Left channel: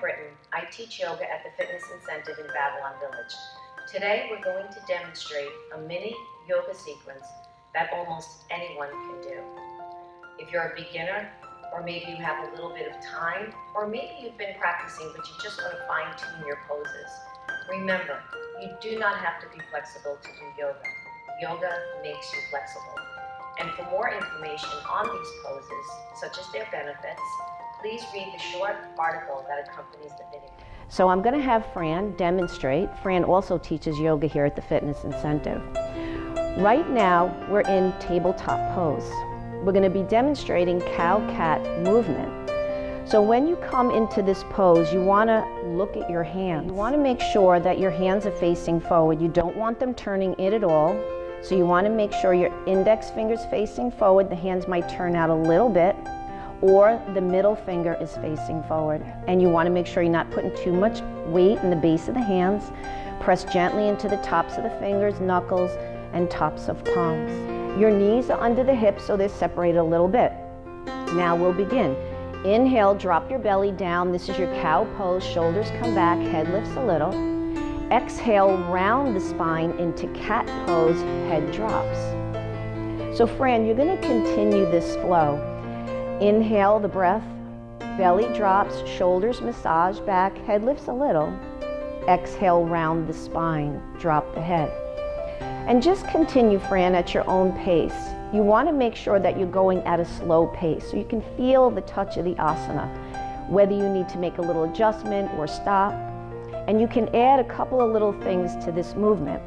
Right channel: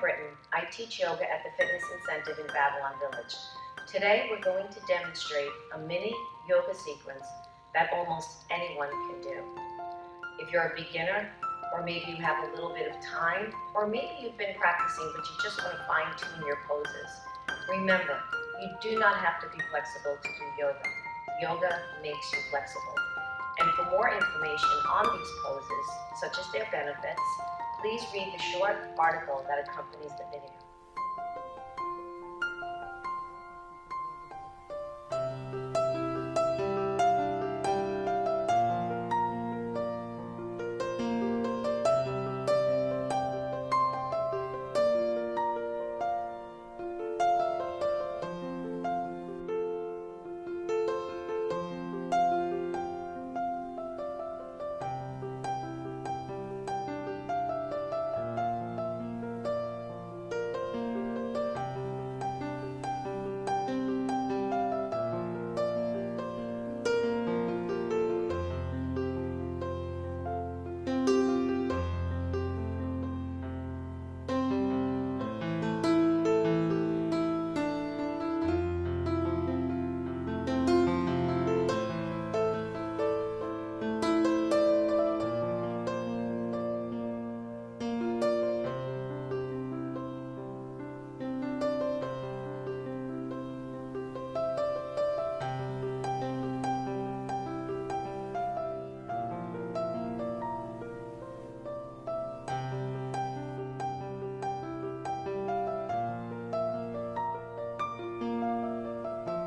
Britton. I teach yoga at the Fitness Incentive in Babylon Village. Today we're going to demonstrate a mini yoga sequence that almost anyone can do. If you're a beginner, or maybe you have a little bit of time, or maybe you've been practicing but you just want to fine-tune your poses, remember, you do not have to be flexible to do yoga. Yoga makes you flexible. And for more information on these poses, such as their benefits, please read the short article that accompanies the video. So I'm going to have Fran demonstrate. Fran also teaches yoga here at the Fitness Incentive. Right now, we're in tabletop pose. We're going to be demonstrating cow-cat movement. So when you come into this pose, you want to look at your hands. You want to make sure that your hands are facing forward. You don't want them turning in at all. So you want to make sure your index finger's facing forward. The hands might turn out a little bit, or the middle finger is facing forward. And you want to make sure you're not putting too much weight in the base of the hands. Press gently into the tops of the fingers, knuckles, and tops of palms. Your knees are under the hips, so they're separated a little bit. Now we'll begin. Inhale, drop your belly down. This is your cow pose. Shoulders come back, head lifts a little. Exhale, round the spine into cat pose, head drops. So Fran, you're going to continue this flow. Inhale the breath, belly drops, shoulders massage back, head lifts a little. Exhale, round the spine, drop the head. And just continue, Fran, at your own pace. You want to make sure that you're going at a slow pace so you can feel the touch of the asana, whether you need to make a little adjustment or stop. And you can add a couple of little things to this movement.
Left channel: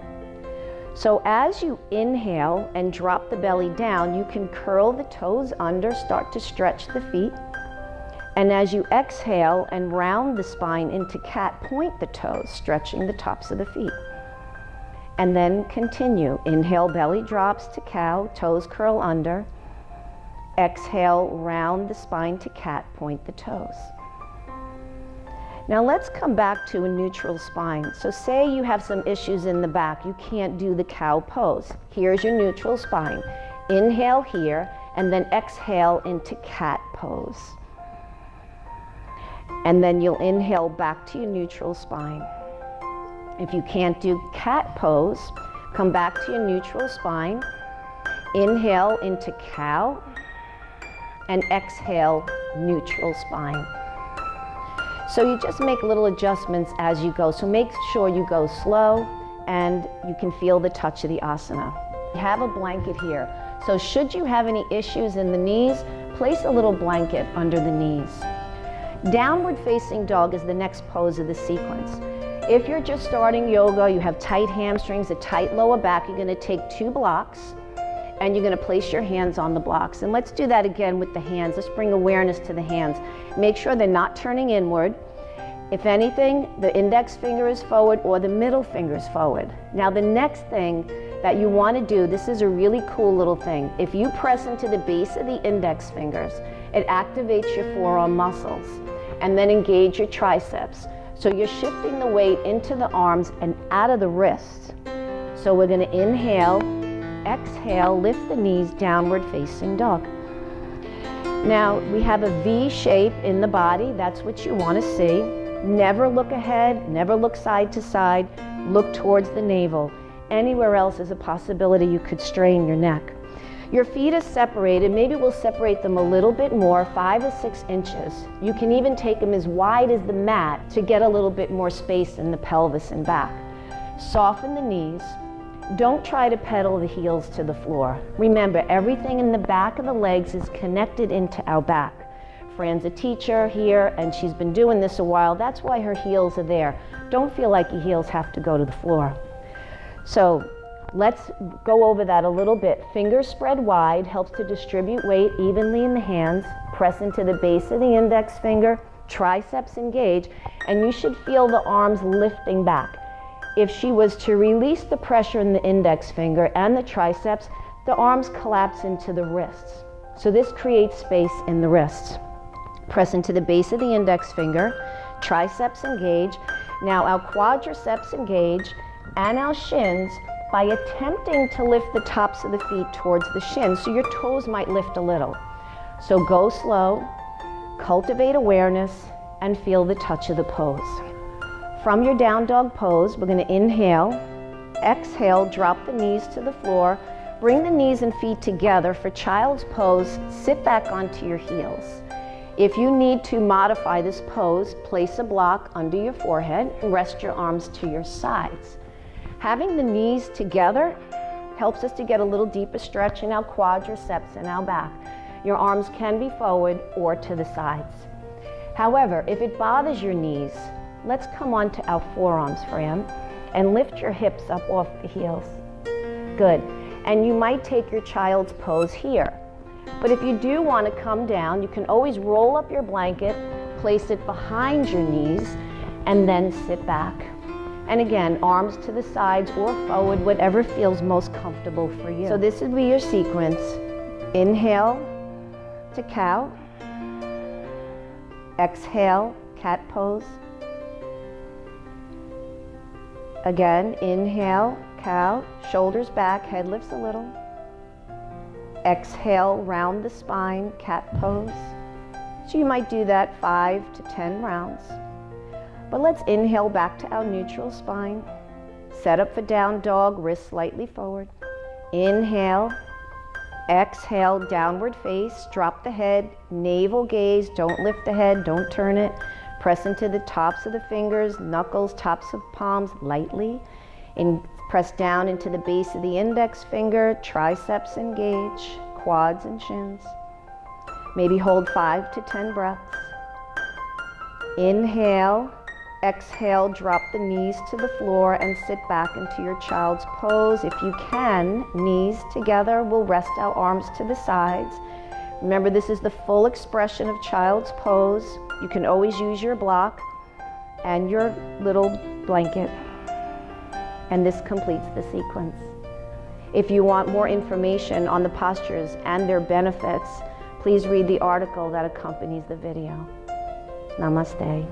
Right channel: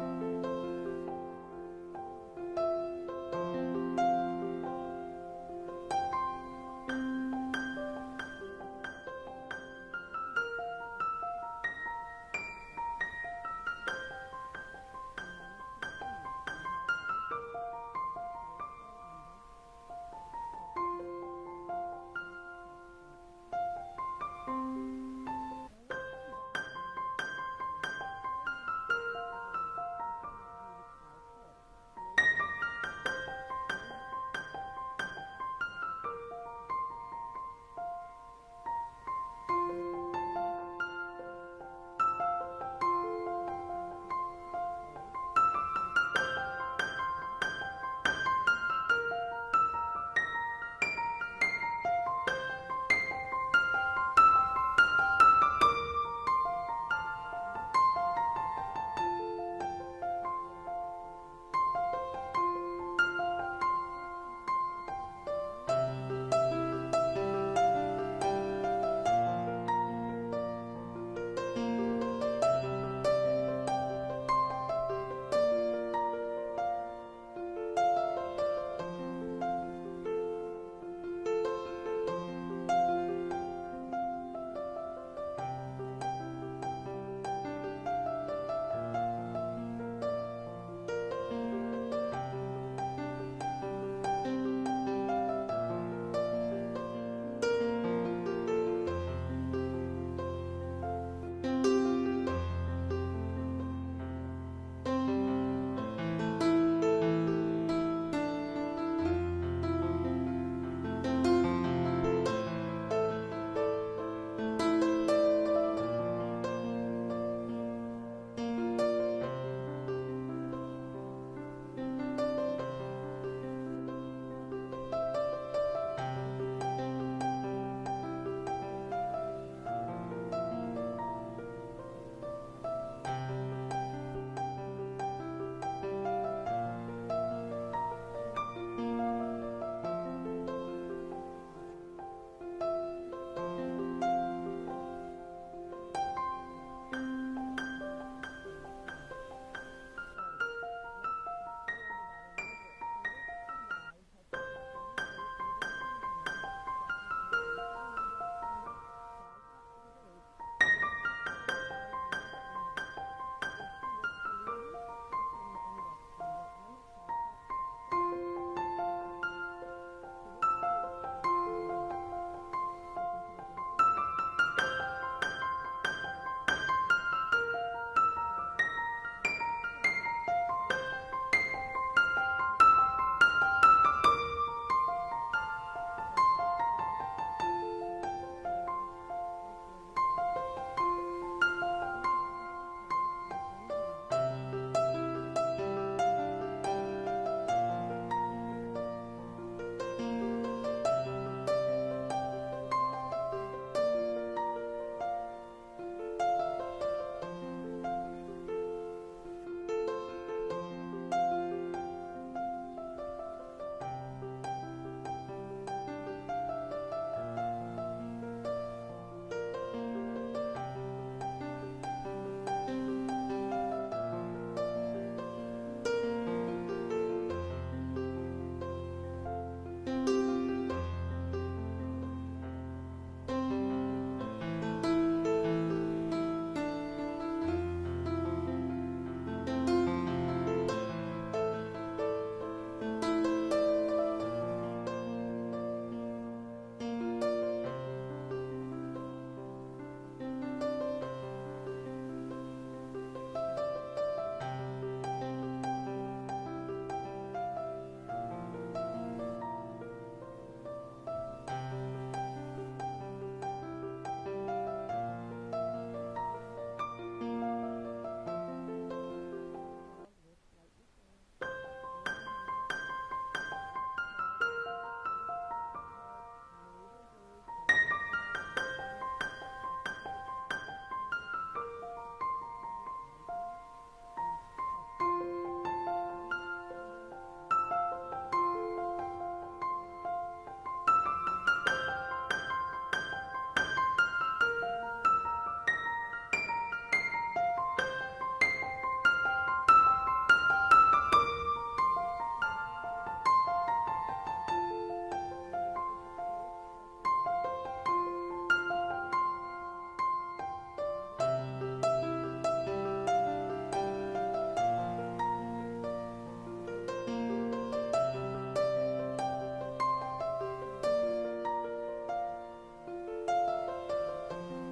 So as you inhale and drop the belly down, you can curl the toes under, start to stretch the feet. And as you exhale and round the spine into cat, point the toes, stretching the tops of the feet. And then continue. Inhale, belly drops to cow, toes curl under. Exhale, round the spine to cat, point the toes. Now let's come back to a neutral spine. So say you have some issues in the back, you can't do the cow pose. Here's your neutral spine. Inhale here, and then exhale into cat pose. And then you'll inhale back to your neutral spine. If you can't do cat pose, come back to your neutral spine. Inhale into cow, and exhale, neutral spine. So you just make little adjustments as you go. So make sure you go slow and you can feel the touch of the asana. You have a blanket here. So should you have any issues in the knees, place a little blanket under the knees. Downward facing dog is the next pose of the sequence. If you're just starting yoga, you have tight hamstrings, a tight lower back, you're going to take 2 blocks and you're going to place your hands on the blocks. And let's do that again with the hands. Let's bring awareness to the hands. Make sure they're not turning inward. If anything, the index finger is forward or the middle finger is forward. Now the next thing that you want to do, this is a really cool little thing. If you press into the base of the index fingers, it activates your forearm muscles and then engage your triceps. So you're shifting the weight into the arms and out of the wrists. So we're going to inhale, exhale, lift the knees, downward facing dog. Now we have a V shape in the body. That's what you want to see. Never look ahead, never look side to side, look towards the navel. Anywhere else is a possibility you could strain your neck. Your feet are separated. Maybe we'll separate them a little bit more, 5 or 6 inches. You can even take them as wide as the mat to get a little bit more space in the pelvis and back. Soften the knees. Don't try to pedal the heels to the floor. Remember, everything in the back of the legs is connected into our back. Fran's a teacher here, and she's been doing this a while. That's why her heels are there. Don't feel like your heels have to go to the floor. So let's go over that a little bit. Fingers spread wide, helps to distribute weight evenly in the hands. Press into the base of the index finger, triceps engage, and you should feel the arms lifting back. If she was to release the pressure in the index finger and the triceps, the arms collapse into the wrists. So this creates space in the wrists. Press into the base of the index finger, triceps engage. Now our quadriceps engage and our shins by attempting to lift the tops of the feet towards the shins, so your toes might lift a little. So go slow, cultivate awareness, and feel the touch of the pose. From your down dog pose, we're going to inhale, exhale, drop the knees to the floor, bring the knees and feet together. For child's pose, sit back onto your heels. If you need to modify this pose, place a block under your forehead and rest your arms to your sides. Having the knees together helps us to get a little deeper stretch in our quadriceps and our back. Your arms can be forward or to the sides. However, if it bothers your knees, let's come onto our forearms, Fran, and lift your hips up off the heels. Good. And you might take your child's pose here. But if you do want to come down, you can always roll up your blanket, place it behind your knees, and then sit back. And again, arms to the sides or forward, whatever feels most comfortable for you. So this would be your sequence. Inhale to cow. Exhale, cat pose. Again, inhale, cow, shoulders back, head lifts a little. Exhale, round the spine, cat pose. So you might do that 5 to 10 rounds. But let's inhale back to our neutral spine. Set up for down dog, wrists slightly forward. Inhale, exhale, downward face, drop the head, navel gaze, don't lift the head, don't turn it. Press into the tops of the fingers, knuckles, tops of palms lightly. Press down into the base of the index finger, triceps engage, quads and shins. Maybe hold 5 to 10 breaths. Inhale, exhale, drop the knees to the floor and sit back into your child's pose. If you can, knees together, we'll rest our arms to the sides. Remember, this is the full expression of child's pose. You can always use your block and your little blanket. And this completes the sequence. If you want more information on the postures and their benefits, please read the article that accompanies the video. Namaste.